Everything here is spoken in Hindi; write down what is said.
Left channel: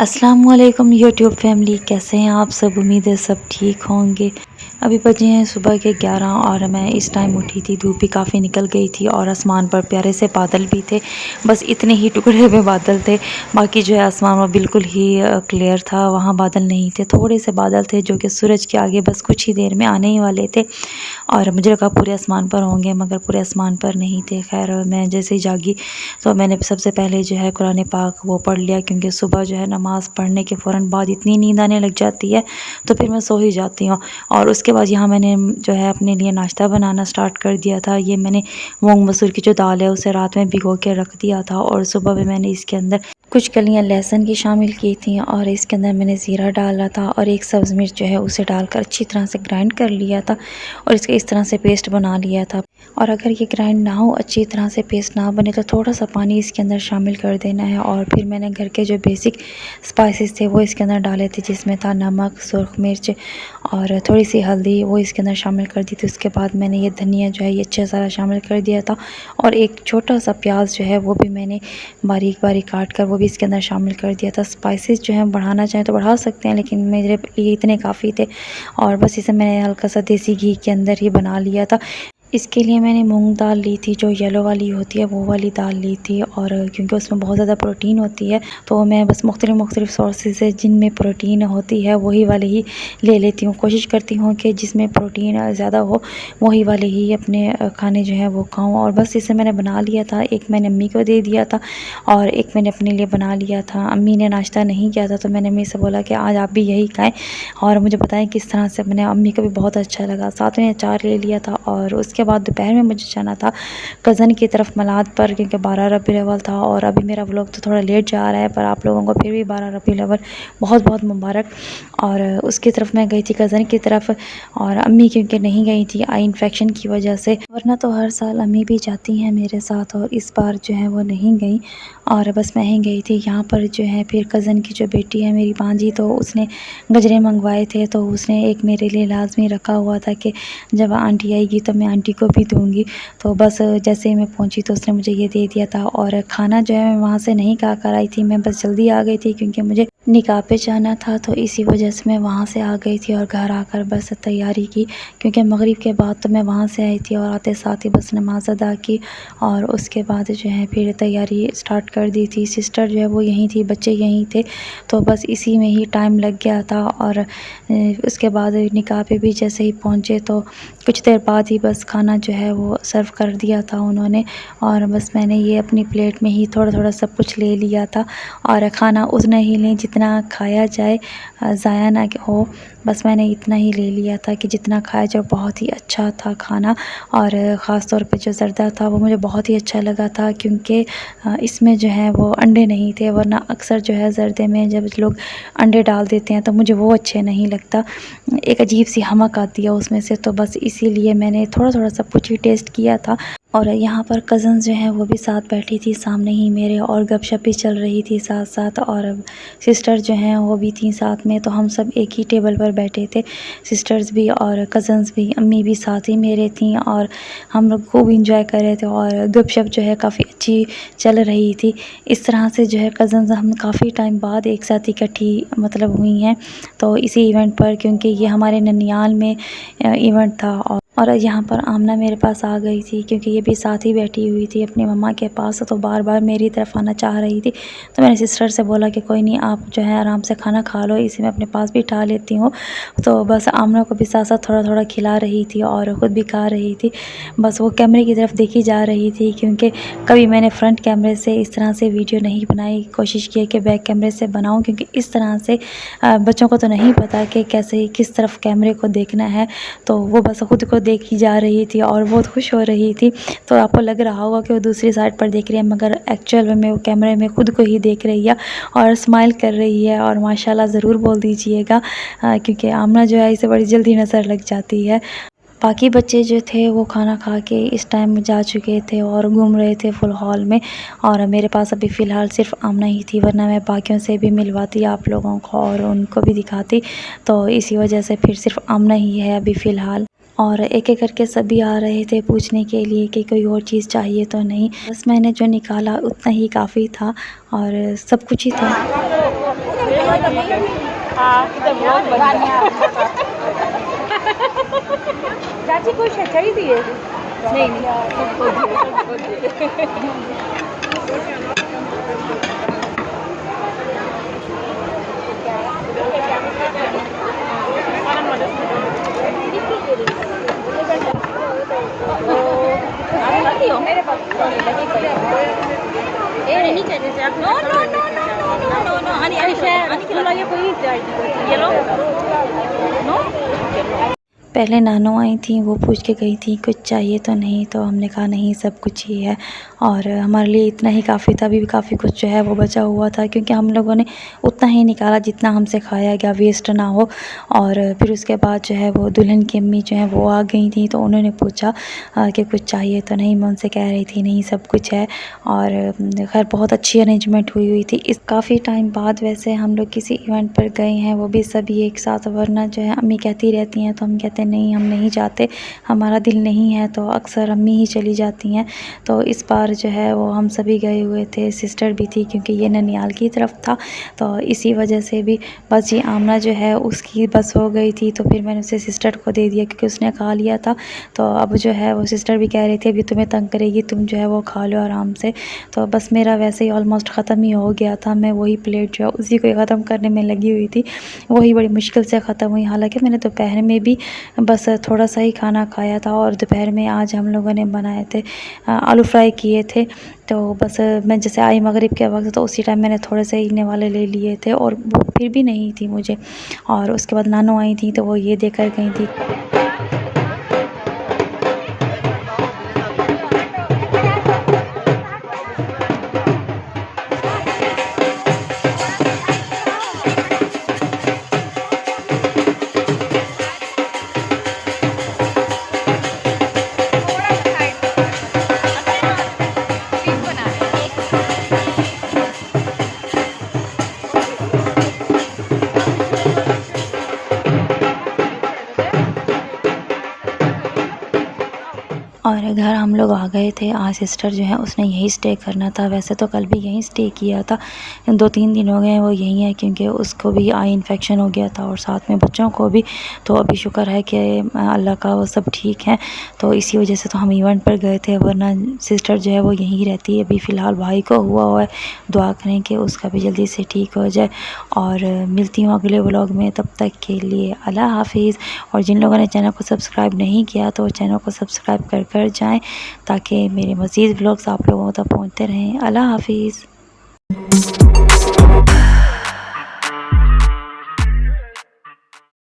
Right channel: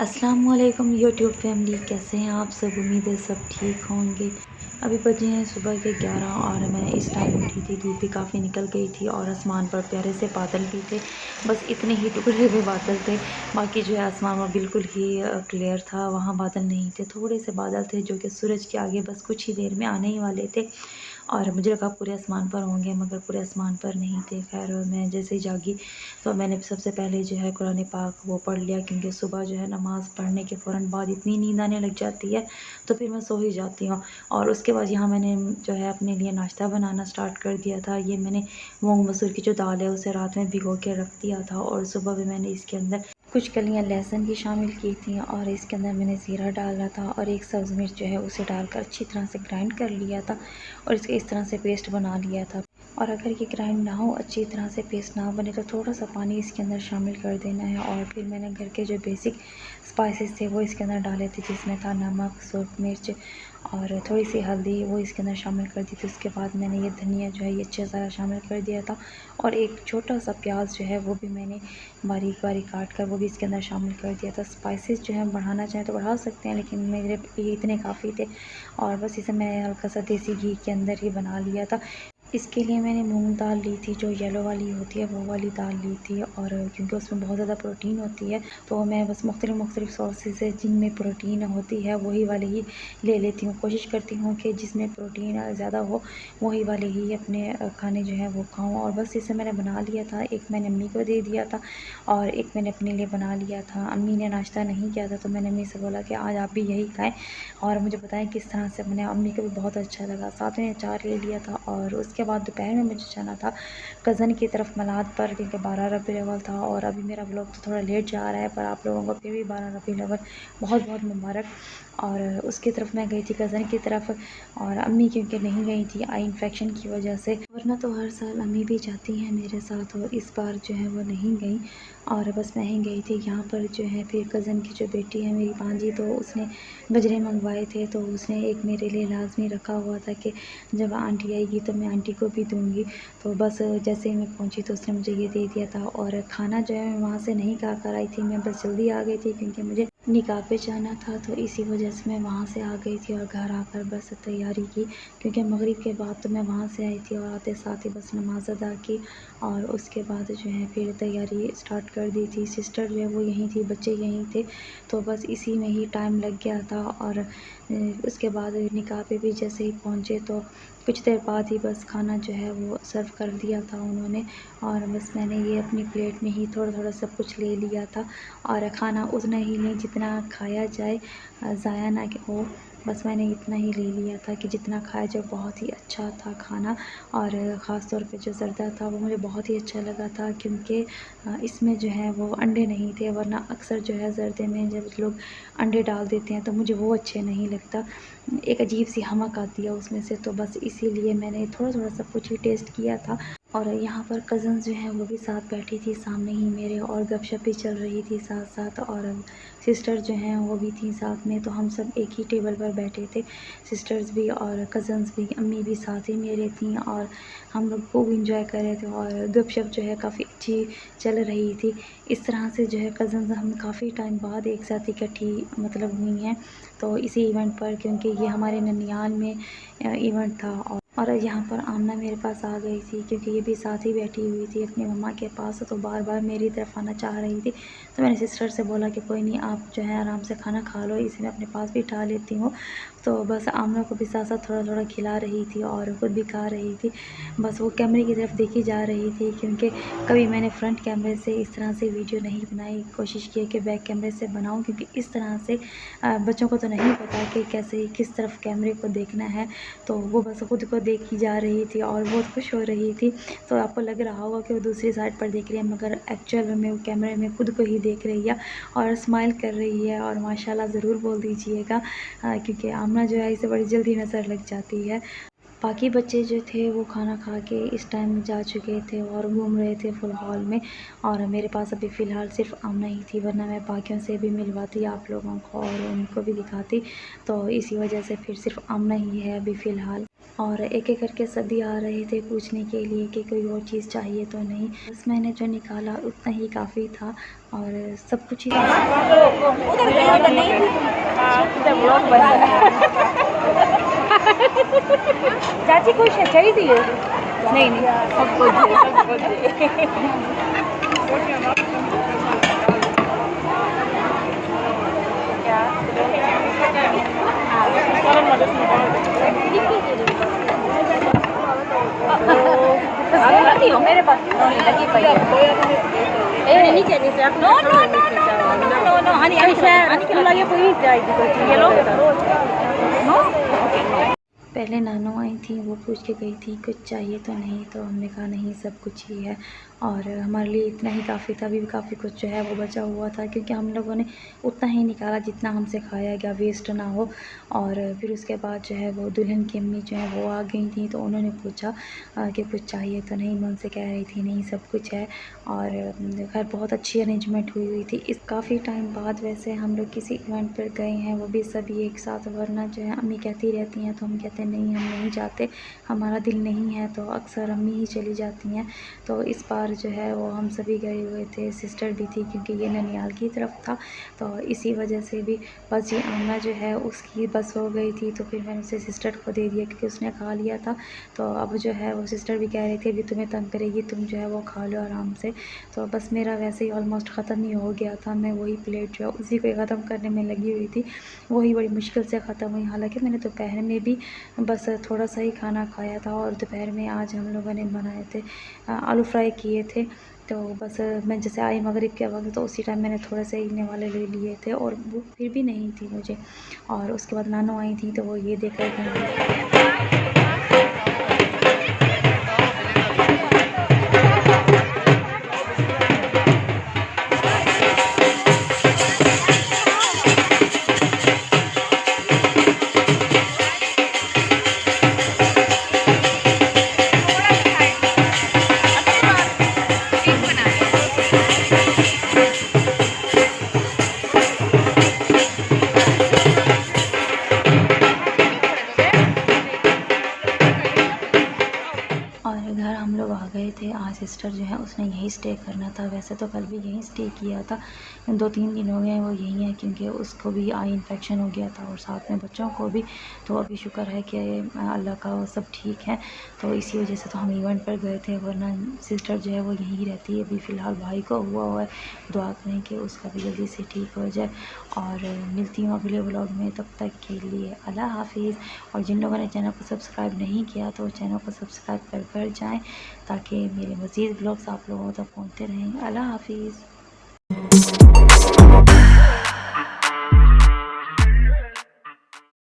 अस्सलाम वालेकुम यूट्यूब फैमिली, कैसे हैं आप सब। उम्मीद है सब ठीक होंगे। अभी बजे हैं सुबह के 11 और मैं इस टाइम उठी थी। धूप भी काफ़ी निकल गई थी और आसमान पर प्यारे से बादल भी थे। बस इतने ही टुकड़े हुए बादल थे, बाकी जो है आसमान में बिल्कुल ही क्लियर था। वहाँ बादल नहीं थे, थोड़े से बादल थे जो कि सूरज के आगे बस कुछ ही देर में आने ही वाले थे। और मुझे लगा पूरे आसमान पर होंगे, मगर पूरे आसमान पर नहीं थे। खैर मैं जैसे ही जागी तो मैंने सबसे पहले जो है कुरान पाक वो पढ़ लिया, क्योंकि सुबह जो है नमाज़ पढ़ने के फ़ौरन बाद इतनी नींद आने लग जाती है तो फिर मैं सो ही जाती हूँ। और उसके बाद यहाँ मैंने जो है अपने लिए नाश्ता बनाना स्टार्ट कर दिया था। ये मैंने मूंग मसूर की जो दाल है उसे रात में भिगो के रख दिया था और सुबह में मैंने इसके अंदर कुछ कलियां लहसुन की शामिल की थी और इसके अंदर मैंने ज़ीरा डाला था और एक सब्ज़ मिर्च जो है उसे डालकर अच्छी तरह से ग्राइंड कर लिया था और इसके इस तरह से पेस्ट बना लिया था। और अगर ये ग्राइंड ना हो, अच्छी तरह से पेस्ट ना बने, तो थोड़ा सा पानी इसके अंदर शामिल कर देना है। और फिर मैंने घर के जो बेसिक स्पाइसेस थे वो इसके अंदर डाले थे, जिसमें था नमक, सुरख मिर्च और थोड़ी सी हल्दी, वो इसके अंदर शामिल कर दी थी। उसके बाद मैंने ये धनिया जो है ये अच्छा सारा शामिल कर दिया था और एक छोटा सा प्याज जो है वो भी मैंने बारीक बारीक काट कर वो भी इसके अंदर शामिल कर दिया था। स्पाइसेस जो है बढ़ाना चाहें तो बढ़ा सकते हैं, लेकिन मेरे लिए इतने काफ़ी थे। और बस इसे मैंने हल्का सा देसी घी के अंदर ही बना लिया था। इसके लिए मैंने मूंग दाल ली थी, जो येलो वाली होती है वो वाली दाल ली थी। और क्योंकि उसमें बहुत ज़्यादा प्रोटीन होती है तो मैं बस मुख्तलिफ़ सोर्सेज से जिनमें प्रोटीन होती है वही वाली ही ले लेती हूँ। कोशिश करती हूँ कि जिसमें प्रोटीन ज़्यादा हो वही वाले ही अपने खाने जो है वो खाऊँ। और बस इसे मैंने बना लिया था। एक मैंने अम्मी को दे दिया था और एक मैंने अपने लिए बना लिया था। अम्मी ने नाश्ता नहीं किया था तो मैंने अम्मी से बोला कि आज आप भी यही खाएँ और मुझे बताएं किस तरह से बने। अम्मी को भी बहुत अच्छा लगा। साथ में अचार ले लिया था और उसके बाद दोपहर में मुझे जाना था कज़न की तरफ मलाद पर, क्योंकि 12 रबीउल अव्वल था। और अभी मेरा व्लॉग तो थोड़ा लेट जा रहा है, पर आप लोगों को फिर भी 12 रबीउल अव्वल बहुत बहुत मुबारक। और उसकी तरफ मैं गई थी कज़न की तरफ, और अम्मी क्योंकि नहीं गई थी आई इन्फेक्शन की वजह से, वरना तो हर साल अम्मी भी जाती हैं मेरे साथ, और इस बार जो है वो नहीं गई और बस मैं ही गई थी। यहाँ पर जो है फिर कज़न की जो बेटी है मेरी भांजी, तो उसने गजरे मंगवाए थे, तो उसने एक मेरे लिए लाजमी रखा हुआ था कि जब आंटी आएगी तो मैं आंटी को भी दूंगी। तो बस जैसे ही मैं पहुंची तो उसने मुझे ये दे दिया था। और खाना जो है मैं वहाँ से नहीं खा कर आई थी, मैं बस जल्दी आ गई थी क्योंकि मुझे निकाह पे जाना था, तो इसी वजह से मैं वहाँ से आ गई थी और घर आकर बस तैयारी की, क्योंकि मगरिब के बाद तो मैं वहाँ से आई थी और आते साथ ही बस नमाज अदा की और उसके बाद जो है फिर तैयारी स्टार्ट कर दी थी। सिस्टर जो है वो यहीं थी, बच्चे यहीं थे, तो बस इसी में ही टाइम लग गया था। और उसके बाद निकाह पे भी जैसे ही पहुँचे तो कुछ देर बाद ही बस खाना जो है वो सर्व कर दिया था उन्होंने, और बस मैंने ये अपनी प्लेट में ही थोड़ा थोड़ा सब कुछ ले लिया था। और खाना उतना ही लें जितना खाया जाए, ज़ाया ना हो, बस मैंने इतना ही ले लिया था कि जितना खाया जाए। बहुत ही अच्छा था खाना, और ख़ास तौर पे जो ज़र्दा था वो मुझे बहुत ही अच्छा लगा था, क्योंकि इसमें जो है वो अंडे नहीं थे, वरना अक्सर जो है ज़र्दे में जब लोग अंडे डाल देते हैं तो मुझे वो अच्छे नहीं लगता, एक अजीब सी हमक आती है उसमें से। तो बस इसीलिए मैंने थोड़ा थोड़ा सब कुछ ही टेस्ट किया था। और यहाँ पर कज़न्स जो हैं वो भी साथ बैठी थी सामने ही मेरे, और गपशप भी चल रही थी साथ साथ, और सिस्टर जो हैं वो भी थी साथ में, तो हम सब एक ही टेबल पर बैठे थे, सिस्टर्स भी और कज़न्स भी, अम्मी भी साथ ही मेरे थी, और हम लोग खूब इंजॉय कर रहे थे और गपशप जो है काफ़ी अच्छी चल रही थी। इस तरह से जो है कज़न्स हम काफ़ी टाइम बाद एक साथ इकट्ठी मतलब हुई हैं, तो इसी इवेंट पर, क्योंकि ये हमारे ननियाल में इवेंट था। और यहाँ पर आमना मेरे पास आ गई थी, क्योंकि ये भी साथ ही बैठी हुई थी अपनी मम्मा के पास, तो बार बार मेरी तरफ आना चाह रही थी। तो मैंने सिस्टर से बोला कि कोई नहीं, आप जो है आराम से खाना खा लो, इसे मैं अपने पास भी उठा लेती हूँ। तो बस आमना को भी साथ साथ थोड़ा थोड़ा खिला रही थी और ख़ुद भी खा रही थी। बस वो कैमरे की तरफ देखी जा रही थी, क्योंकि कभी मैंने फ्रंट कैमरे से इस तरह से वीडियो नहीं बनाई, कोशिश की कि बैक कैमरे से बनाऊँ, क्योंकि इस तरह से बच्चों को तो नहीं पता कि कैसे किस तरफ कैमरे को देखना है। तो वो बस ख़ुद को देखी जा रही थी और बहुत खुश हो रही थी। तो आपको लग रहा होगा कि वो दूसरी साइड पर देख रही है, मगर एक्चुअल में वो कैमरे में ख़ुद को ही देख रही है और स्माइल कर रही है। और माशाल्लाह ज़रूर बोल दीजिएगा, क्योंकि आमना जो है इसे बड़ी जल्दी नज़र लग जाती है। बाकी बच्चे जो थे वो खाना खा के इस टाइम जा चुके थे और घूम रहे थे फुल हॉल में, और मेरे पास अभी फ़िलहाल सिर्फ आमना ही थी, वरना मैं बाकियों से भी मिलवाती आप लोगों को और उनको भी दिखाती। तो इसी वजह से फिर सिर्फ आमना ही है अभी फ़िलहाल। और एक-एक करके सभी आ रहे थे पूछने के लिए कि कोई और चीज़ चाहिए तो नहीं। बस मैंने जो निकाला उतना ही काफ़ी था और सब कुछ ही था। चाची कोई शय चाहिदी है? नहीं नहीं सब कुछ है, सब कुछ है। आप खाती हो? मेरे पास लगी पई है। नहीं चाहिए से आप no no no no no no no अनि अनि शायद लगे कोई जाएगी ये लो नो ओके नो। पहले नानू आई थी, वो पूछ के गई थी कुछ चाहिए तो नहीं, तो हमने कहा नहीं सब कुछ ही है और हमारे लिए इतना ही काफ़ी था। अभी भी काफ़ी कुछ जो है वो बचा हुआ था क्योंकि हम लोगों ने उतना ही निकाला जितना हमसे खाया गया, वेस्ट ना हो। और फिर उसके बाद जो है वो दुल्हन की अम्मी जो है वो आ गई थी, तो उन्होंने पूछा कि कुछ चाहिए तो नहीं। मैं उनसे कह रही थी नहीं सब कुछ है। और खैर बहुत अच्छी अरेंजमेंट हुई थी। इस काफ़ी टाइम बाद वैसे हम लोग किसी इवेंट पर गए हैं, वो भी सभी एक साथ, वरना जो है अम्मी कहती रहती हैं तो हम कहते नहीं हम नहीं जाते, हमारा दिल नहीं है, तो अक्सर अम्मी ही चली जाती हैं। तो इस बार जो है वो हम सभी गए हुए थे, सिस्टर भी थी क्योंकि ये ननिहाल की तरफ था, तो इसी वजह से भी बस ये आमना जो है उसकी बस हो गई थी, तो फिर मैंने उसे सिस्टर को दे दिया क्योंकि उसने खा लिया था। तो अब जो है वो सिस्टर भी कह रही थी अभी तुम्हें तंग करेगी, तुम जो है वो खा लो आराम से। तो बस मेरा वैसे ही ऑलमोस्ट ख़त्म ही हो गया था, मैं वही प्लेट जो है उसी को ख़त्म करने में लगी हुई थी, वही बड़ी मुश्किल से ख़त्म हुई। हालांकि मैंने दोपहर में भी बस थोड़ा सा ही खाना खाया था और दोपहर में आज हम लोगों ने बनाए थे आलू फ्राई किए थे। तो बस मैं जैसे आई मगरिब के वक्त, तो उसी टाइम मैंने थोड़े से इन्ने वाले ले लिए थे और वो फिर भी नहीं थी मुझे। और उसके बाद नानू आई थी तो वो ये देकर गई थी। और घर हम लोग आ गए थे। आज सिस्टर जो है उसने यहीं स्टे करना था, वैसे तो कल भी यहीं स्टे किया था, 2-3 दिन हो गए हैं वो यहीं है क्योंकि उसको भी आई इन्फेक्शन हो गया था और साथ में बच्चों को भी। तो अभी शुक्र है कि अल्लाह का वो सब ठीक है, तो इसी वजह से तो हम इवेंट पर गए थे, वरना सिस्टर जो है वो यहीं रहती है। अभी फ़िलहाल भाई को हुआ है, दुआ करें कि उसका भी जल्दी से ठीक हो जाए। और मिलती हूँ अगले व्लॉग में, तब तक के लिए अल्लाह हाफिज़। और जिन लोगों ने चैनल को सब्सक्राइब नहीं किया तो चैनल को सब्सक्राइब कर जाएं ताकि मेरे मज़ीद व्लॉग्स आप लोगों तक पहुंचते रहें। अल्लाह हाफिज़।